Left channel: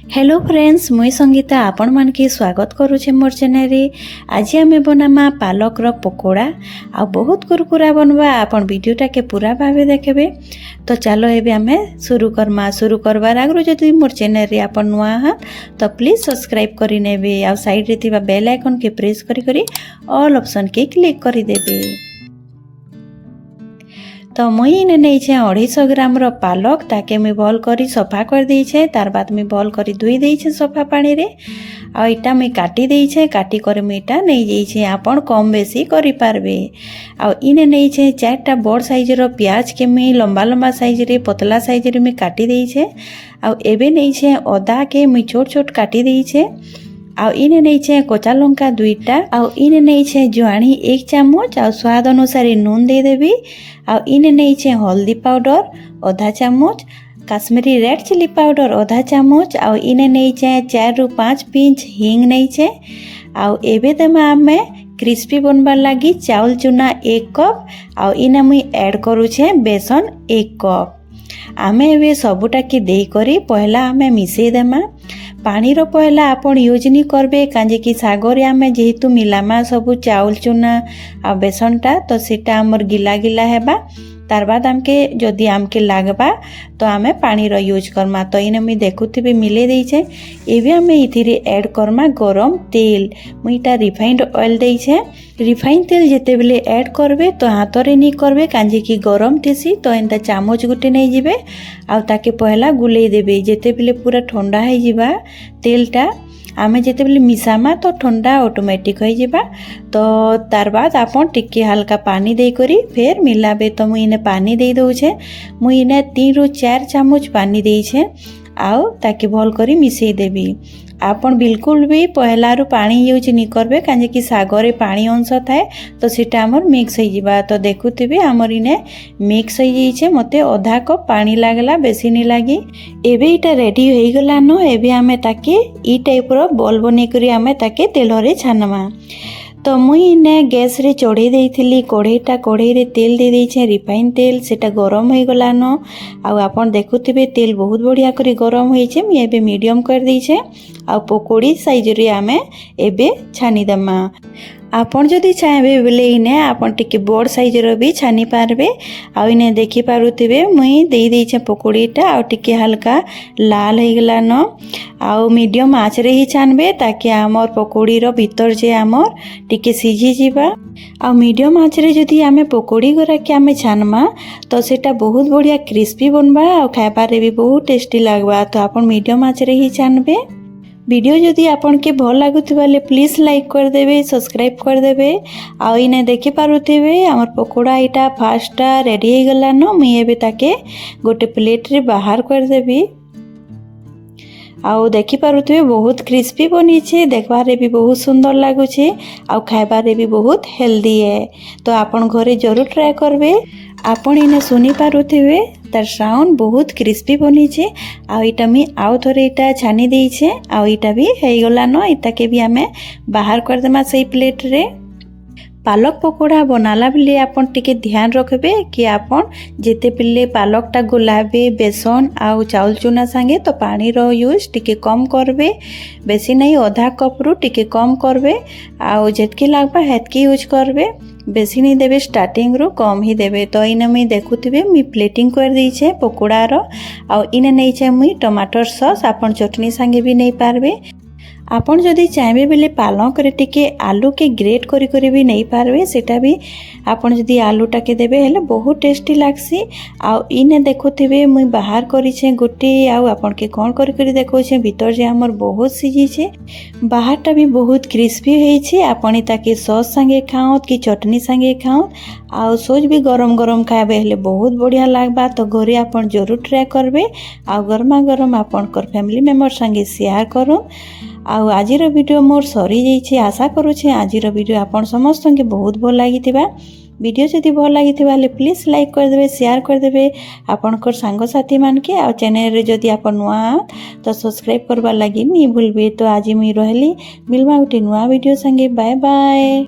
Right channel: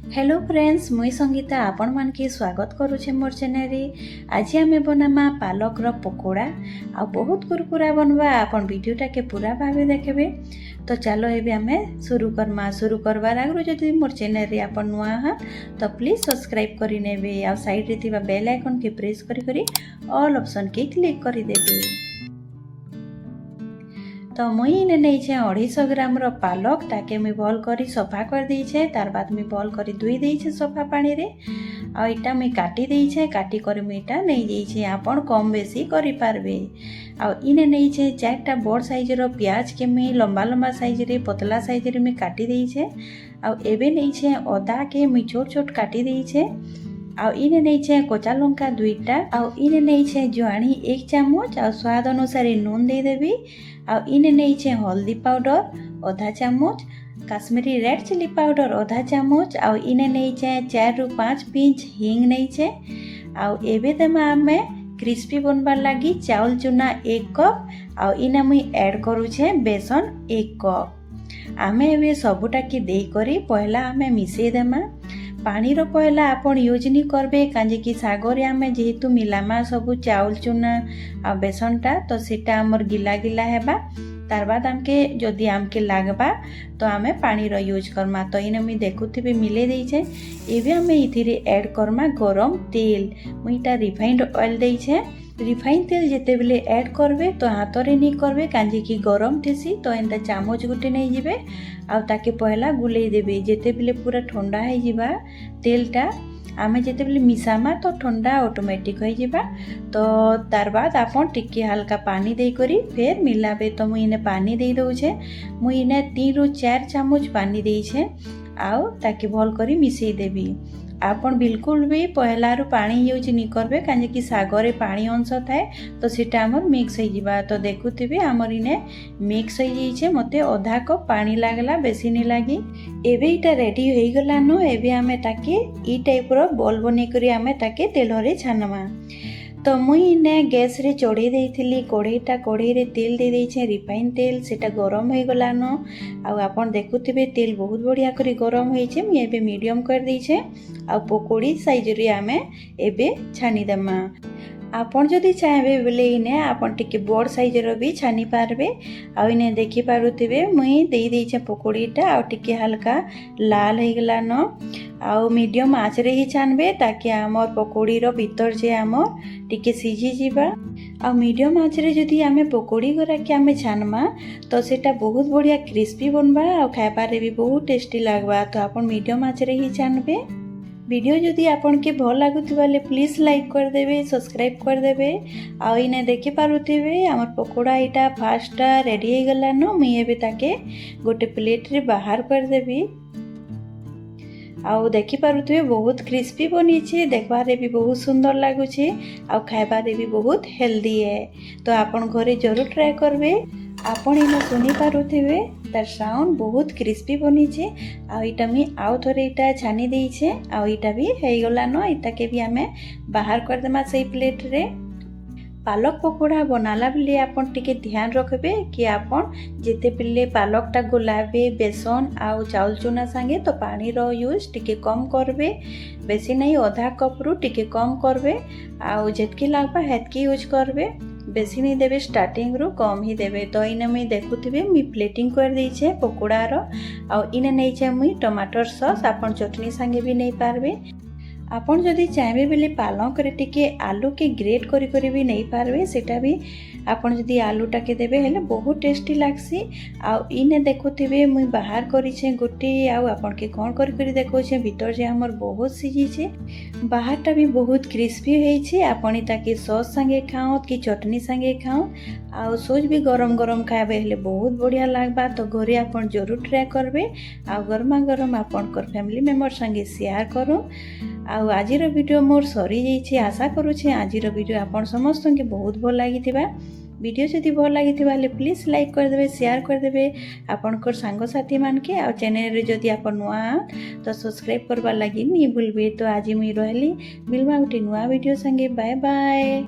Hello friends, मुई संगीता आपण मन के स्वागत करुचे मोर चैनल रे। आज आमे बनामा पालक रो पकोड़ा आ बहुत कुरकुरा बनवा। आपण वीडियोटा के पूरा भावे देखबे। तो चलो एबे आमे शुरू करबार आगु जदि मोर चैनल रे आपण नुआ हा तो प्लीज सब्सक्राइब करि नेबे आ साइड रे थिबा बेल आइकन के प्रेस करी ऑल ऑप्शन के क्लिक करि देबे। तो मुई ने नहीं 250 ग्राम रो पालक ताके मुई भल करी सफा कर दी छे। तार बाद मुई भल करी धुई दी छे सफा पानी रे। आ इटा मुई काटी दी छे। काटी कर मुई इटा नहीं जाई छे। आपण कम बेसी करि पारबे। आ इने नहीं छे 4टा बड़ साइज रो प्याज के मुई लंबा लंबा साइज रे पतला साइज रे मुई काटी दी छे। आ एबे नहीं छे अदा के मुई छोट छोट काटी दी छे। आ इने नहीं छे कच्चा लंका 2टा। आ इने नहीं छे जुआनी 1 चामच। आ स्वाद अनुसार नून दे देबी। आ इने नहीं छे हल्दी पाउडर आधा चामच, काश्मीरी रेड चिली पाउडर आधा चामच। आ इने नहीं छे 4 रु 5 पिंच हिंग नहीं छे। आ एबे देमा आमे क्रिस्पी बनबार लगी चाउल चूना 1 कप। आ इने मुई ऐड करू छे बेसन 1 कप। आमे एबे सबुटा की देई करी पहला आमे मिसेई देमा। पानी रो पहला आपण यूज नहीं करबे काजे कि सागरे आमे जेहेतु मिलामा सबु चाउल चूना आ बेसनटा तो सेटा हमर गिला गिला हेबा। तार बाद आमके जदि आमके लागबा तो आमे पानी रो यूज करमा। तो इने मुई देखुथिबे मिले देई छे। एबे आमे इथिरे ऐड करमा गरम तेल। मुईटा रिफाइंड ऑयल देई छे। रिफाइंड तेल जेते बेले ऐड करबे तो हाथरे नहीं करबे काजे कि गरम थेसी तो एंता चामच गुटे नहीं जिबे। आ ताके पहला गुलेई देबे। जेते बेले पूरा ठंडा हो जिबा तेलटा आमे जेते बेले मिसामा तो ठंडा ऑटोमेटिक हो जिबा। तो तार बाद आपन टिके हल्का पानी दे करी फिर मिलाबे। तो मुई इने पानी दे दउ छे। मुई इने 3 रु 4 चामच पानी दे छे। आउ ताके भल करी मिसेई देबी। आपन बिल्कुल भी पहलारू पानी यूज नहीं करबे काजे कि सागरे पानी अंश थाए तो सेटा हमर मिक्स हो जिबा। तो देखुथिबे हमर इने मिक्स हो जाई छे। मते आधा कप पानी लागला बेसी नहीं लागी। एबे इटा रेडी हो गला न। एबे आमे ताके ई टाइप रो बॉल बने करी आमे ताके तेल रे छानमा। तो मुई इने गैस रे चढ़े देइथिली कढ़ई रे तेल दे देई छे रिफाइन तेल। सेटा गरम हो गला न। आ आपन देखुथिबे तेल बहुत बढ़िया करी गरम होई छे। मी एबे मीडियम कर देई छे। आ पकोड़ी साइज रे आमे एबे छानी दमा। आपन जदि चाहेबे बेले इने आपन टिके बड़ साइज रो भी छानी पारबे। आ इने देखि पारुथिबे मुई देई देई छे पकोड़ीटा। आ टिके हल्का लाल हो गला न। आ मीडियम आँच रे ही छानबे ताकि आमर पकोड़ी रो भीतर जे आमर टिके सिझी जिबा। आ मीडियम आँच रे जदि आमे पकोड़ी गरा के आमे छानमा तो सेटा बहुत बढ़िया क्रिस्पी बनबा। आ खाइबारे भी बहुत टेस्टी लागबा। तो आपन मीडियम आँच रे ही छानबे। वीडियो जदि आपन के भल लागुथिबा ले प्लीज लाइक कर देबे, सब्सक्राइब कर देबे। आ इने देखि पारुथिबे हमर पकोड़ा इटा फास्टा रेडी हो गला न। मुई एबे ताके गोटे प्लेट रे बाहर कर देबी। आउ देखि पारुथिबे बहुत क्रिस्पी बनी छे। देखबारे भी बहुत सुंदर लागु छे। आउ खाइबारे भी बहुत हेल्दी है। तो आपन घरे जरूर ट्राई करबे। आपन इने सुनी पारुथिबे तार साउंड बहुत क्रिस्पी बनी छे। आ इटा मी आउ थोरे इटा छानी देई छे। आ इटा भी हे गला न। इटा के भी आमे बाहर कर देमा सेई प्लेट रे। पालक पकोड़ा बनाला बेले आपन टिके ध्यान रखबे कि आपन जेते बेले पालकटा गुलाबे बेसन आउ चाउल चूना संगे तो पानी रो यूज टिके कम करबे। बेसी नहीं आधा कप रु टिके कम करबे। आउ जेतकी लागबा हेतकी यूज करबे। बेसी नहीं देबे स्टार्टिंग रु कम ही देबे। तो इने मुई देखुथिबे मुई प्लेटिंग कर दी छे पकोड़ा रो। आ इने नहीं छे मुई टमाटर सॉस आपन चटनी संगे भी नहीं पारबे। आपन जदि चाहेबे बेले पालक रे टिके आलू के ग्रेट करी करी भी नहीं पारबे। सेटा भी आपन जदि आलूटा के देबे हेले बहुत टेस्टी लागसी। आ इने देखुथिबे मुई बाहर करी छे गोटे। आ आपन के कोन करी करी देखौ छे भीतर जे हमर बहुत सिझी छे। बाहरटा भी बहुत क्रिस्पी होई छे। आपन ताके सॉस संगे खाओ कि चटनी संगे खाओ। आ सोच भी गरम गरम खाइबे हेले बहुत बढ़िया लागबा। तो घरे आपन जरूर ट्राई करबे। आ गरमा गरम आपन कर फैमिली मेंबर संगे शेयर करो। आउ आजिर वीडियो मोर सरी जाइछे। आशा करूछे आजिर वीडियो आपन समस्त के बहुत भल लागिथिबा। वीडियो जदि भल लागिथिबा ले प्लीज लाइक कर देबे, शेयर कर देबे आपनकर सांग साथी मान के। आ चैनल रे जदि आपन नुआ तो सब्सक्राइब करबा लागि नहीं भूलबे। तो आज मुई रहली मिलमा उठी नुआ वीडियो संगे। Bye bye.